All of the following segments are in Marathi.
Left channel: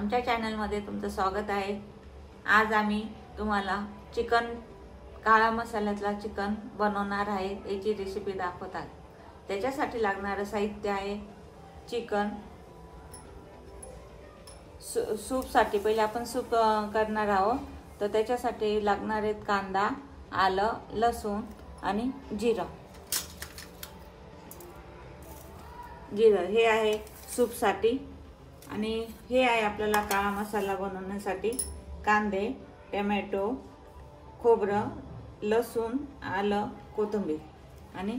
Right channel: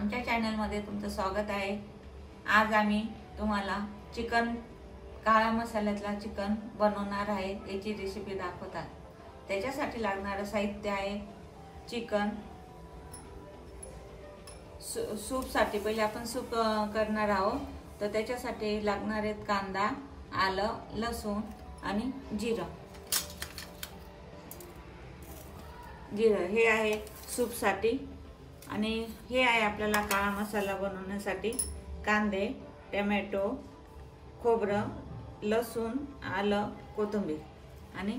आमच्या चॅनलमध्ये तुमचं स्वागत आहे। आज आम्ही तुम्हाला चिकन काळा मसाल्यातला चिकन बनवणार आहे, याची रेसिपी दाखवतात। त्याच्यासाठी लागणारे साहित्य आहे चिकन। सूप साठी पहिले आपण सूप करणार आहोत, तर त्याच्यासाठी लागणार आहेत कांदा, आलं, लसूण आणि जिरं। हे आहे सूप साठी आणि हे आहे आपल्याला काळा मसाला बनवण्यासाठी कांदे, टोमॅटो, खोबरं, लसूण, आलं, कोथिंबीर आणि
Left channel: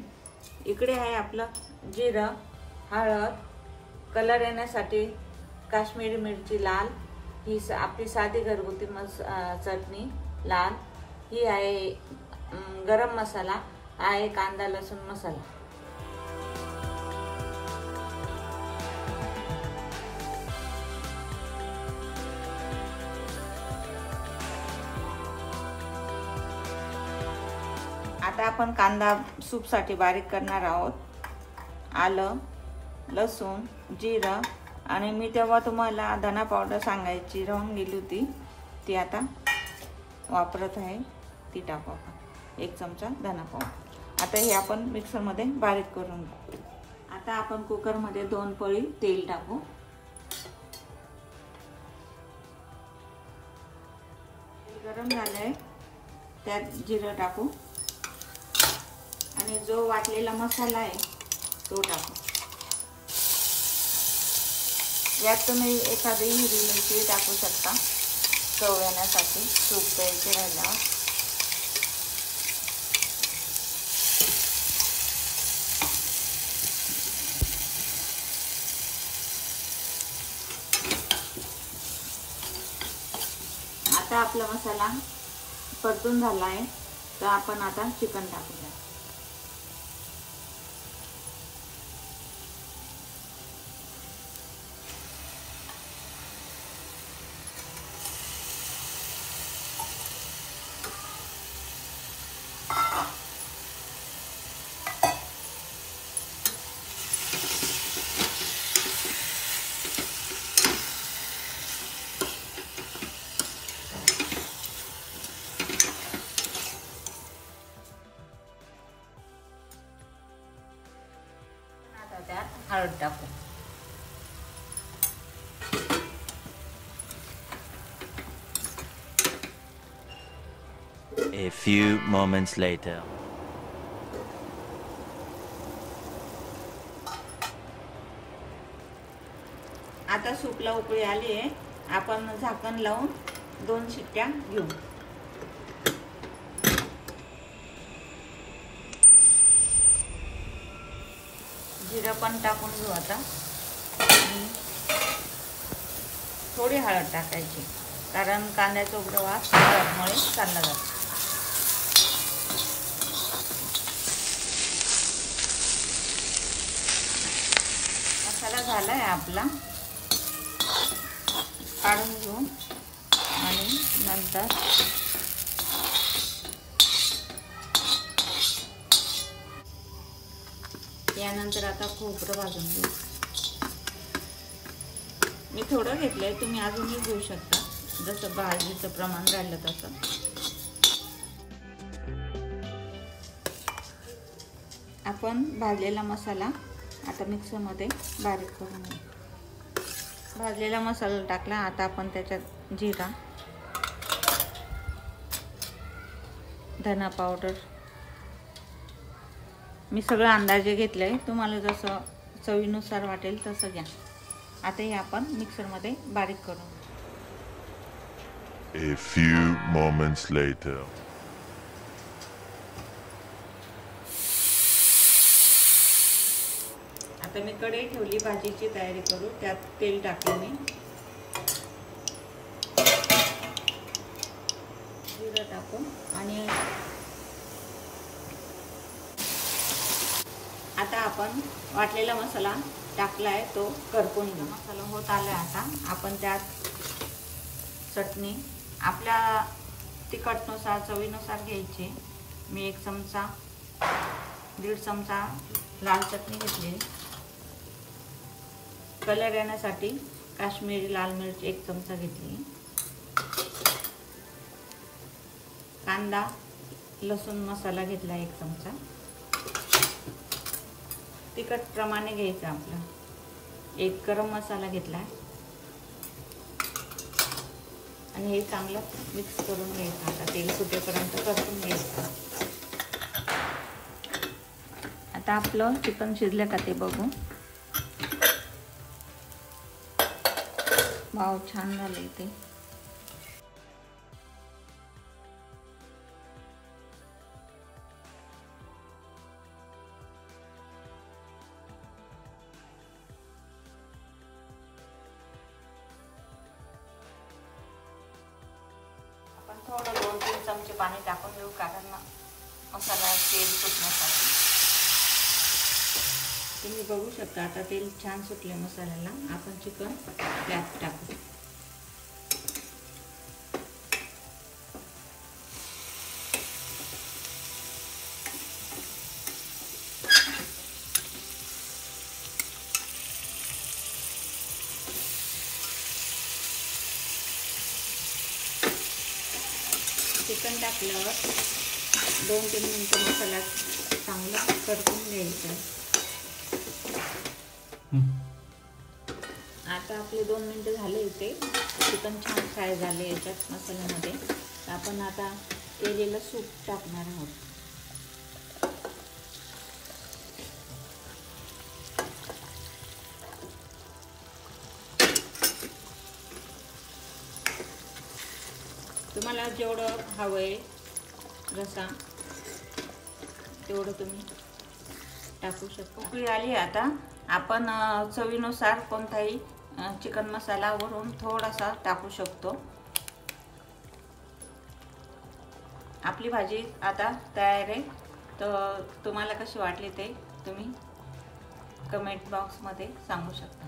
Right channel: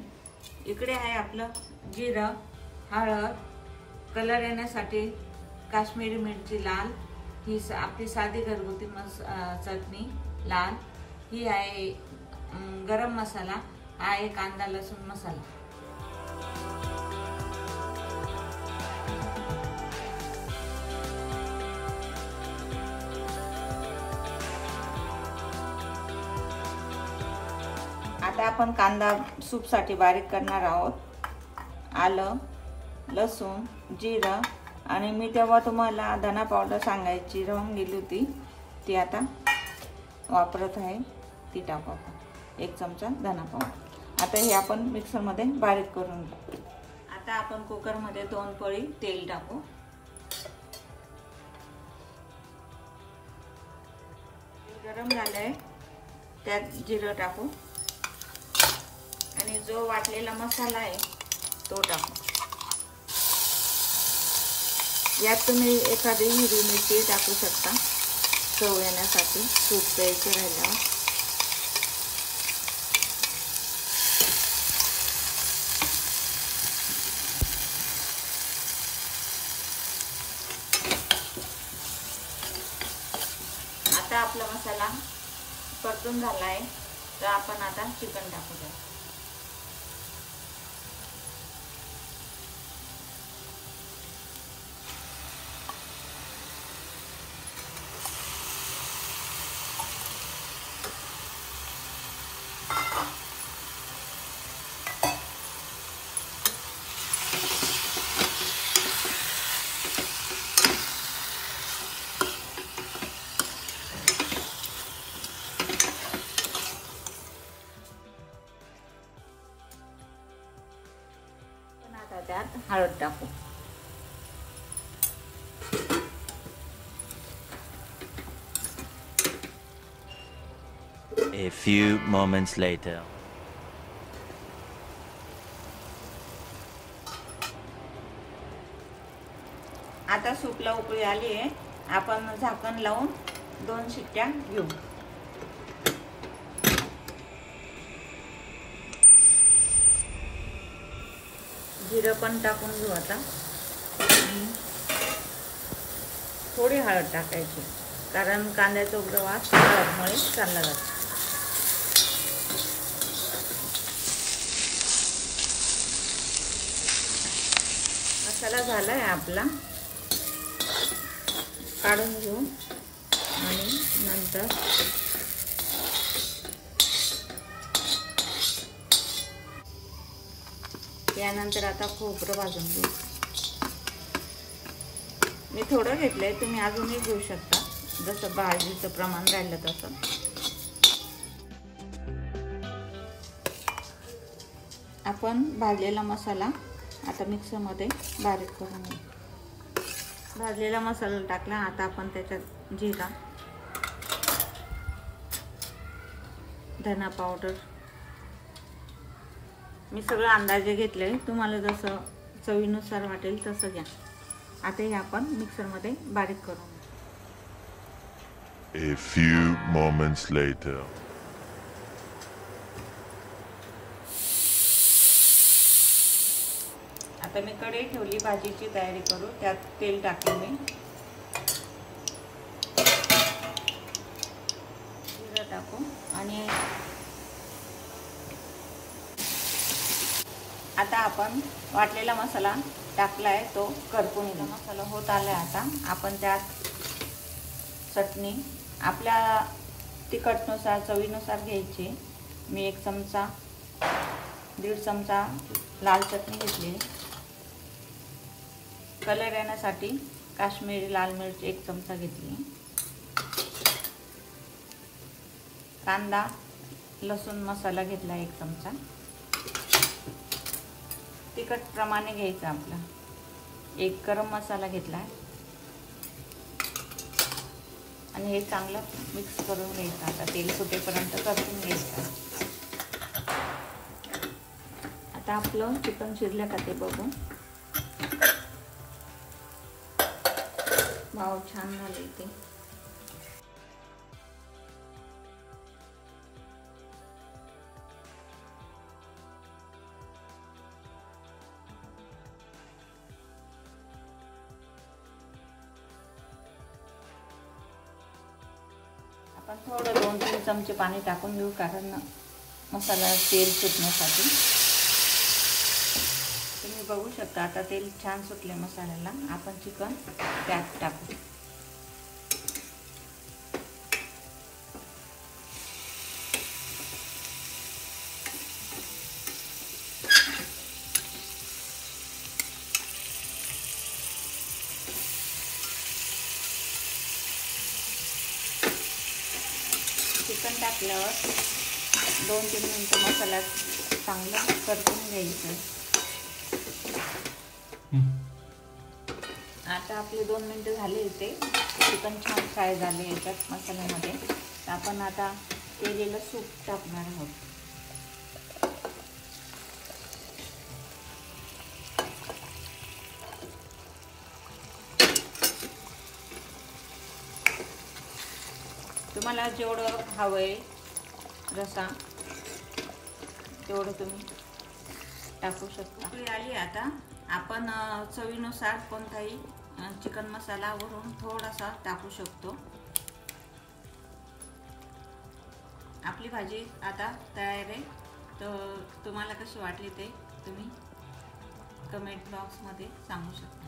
इकडे आहे आपलं जिरं, हळद, कलर येण्यासाठी काश्मीरी मिरची लाल, ही आपली साधी घरगुती चटणी लाल, ही आहे गरम मसाला, आहे कांदा लसूण मसाला। आता आपण कांदा सूप साठी बारीक करणार आहोत। आलं, लसूण, जिरं आणि मी तेव्हा तुम्हाला धना पावडर सांगायची राहून गेली होती, ती आता वापरत आहे, ती टाकू आपण 1 चमचा धना पावडर। आता हे आपण मिक्सर मध्ये बारीक करून घेऊ। आता आपण कुकर मध्ये 2 पळी तेल टाकू। गरम झालंय, त्यात जिरं टाकू आणि जो वाटलेला मसाला आहे तो टाकू। यात तुम्ही एखादी हिरवी मिरची टाकू शकता चव येण्यासाठी, सूप प्यायचे राहिल्यावर। आता आपला मसाला परतून झाला आहे, तर आपण आता चिकन टाकूया। हळद टाकू। A few moments later. आता सूपला उकळी आली आहे, आपण झाकण लावून 2 शिट्ट्या घेऊ। जिरं पण टाकून घेऊ आता। थोडी हळद टाकायची, कारण कांद्याचा उग्र वास हळदमुळे चालला जातो। मसाला झालाय आपला, काढून घेऊ आणि नंतर यानंतर आता खोबरं भाजून घेऊ। मी थोडं घेतलंय, तुम्ही अजूनही घेऊ शकता, जसं भाजीचं प्रमाण राहिलं तसं। आपण भाजलेला मसाला आता मिक्सर मध्ये बारीक करून घेऊ। भाजलेला मसाला टाकला, आता आपण त्याच्यात जिरा, धना पावडर, मी सगळं अंदाजे घेतलंय, तुम्हाला जसं चवीनुसार वाटेल तसं घ्या। आता हे आपण मिक्सर मध्ये बारीक करून A few moments later. आता मी कढई ठेवली, भाजीची तयारी करू। त्यात तेल टाकले मी, जिरं टाकू आणि आता आपण वाटलेला मसाला टाकलाय, तो करपून घेऊ। मसाला होत आलाय, आता आपण त्यात चटणी आपल्या तिखटनुसार चवीनुसार घ्यायची। मी 1 चमचा 1.5 चमचा लाल चटणी घेतली। कलर येण्यासाठी काश्मीरी लाल मिरच 1 चमचा घेतली, कांदा लसूण मसाला घेतला 1 चमचा, तिखट प्रमाणे घ्यायचं आपलं, 1 गरम मसाला घेतलाय आणि हे चांगलं मिक्स करून घ्यायचं। आता तेल सुटेपर्यंत परतून घ्यायचं। आता आपलं चिकन शिजलं का ते बघू। वाव, छान झालंय ते। थोडं 2-3 चमचे पाणी टाकून घेऊ, कारण मसाला तेल सुटण्यासाठी। तुम्ही बघू शकता आता तेल छान सुटले मसाल्याला। आपण चिकन त्यात टाकू। चिकन टाकल्यावर 2-3 मिनिटं मसाला चांगला परतून घ्यायचा। आता आपले 2 मिनिटं झाले इथे। चिकन छान फ्राय झाले याच्यात मसाल्यामध्ये। आपण आता केलेलं सूप टाकणार आहोत। तुम्हाला जेवढं हवंय रसा तेवढं तुम्ही टाकू शकता। उकळी आली आता आपण चवीनुसार कोणताही चिकन मसाला वरून थोडासा टाकू शकतो। आपली भाजी आता तयार आहे। तर तुम्हाला कशी वाटली ते तुम्ही कमेंट बॉक्समध्ये सांगू शकता।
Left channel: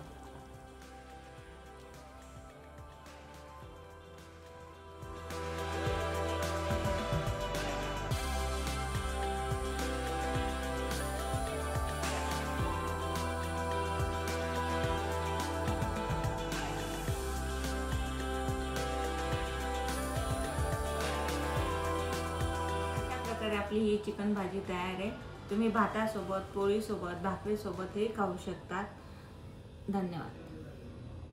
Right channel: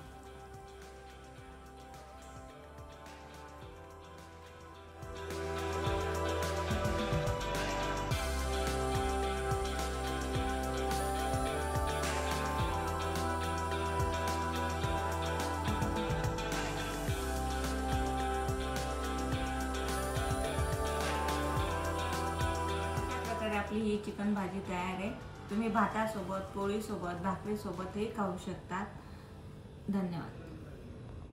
आपली ही चिकन भाजी तयार आहे। तुम्ही भातासोबत, पोळीसोबत, भाकरीसोबत हे खाऊ शकता। धन्यवाद।